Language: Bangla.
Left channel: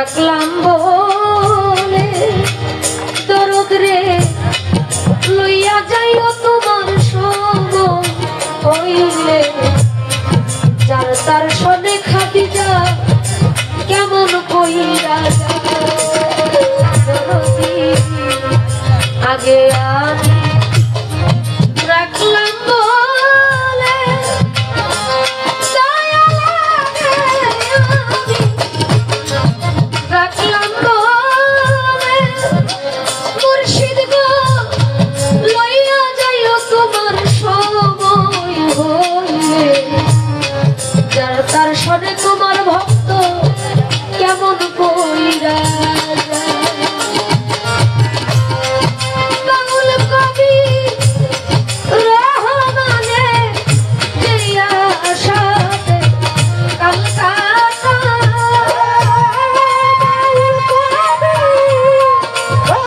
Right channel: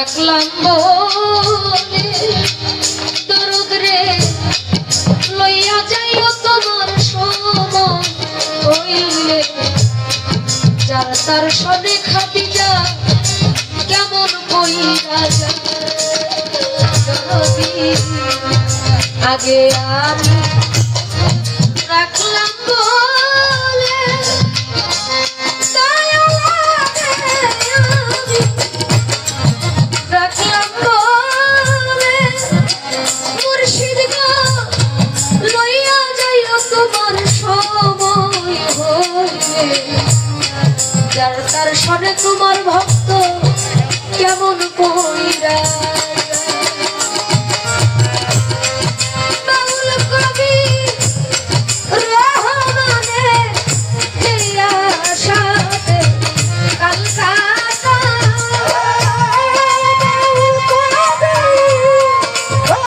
ডাকলাম বলে দরদ রে লইয়া যাইও তোমার সময় হইলে যার তার সনে খাদিজা কেমন কইরা যায়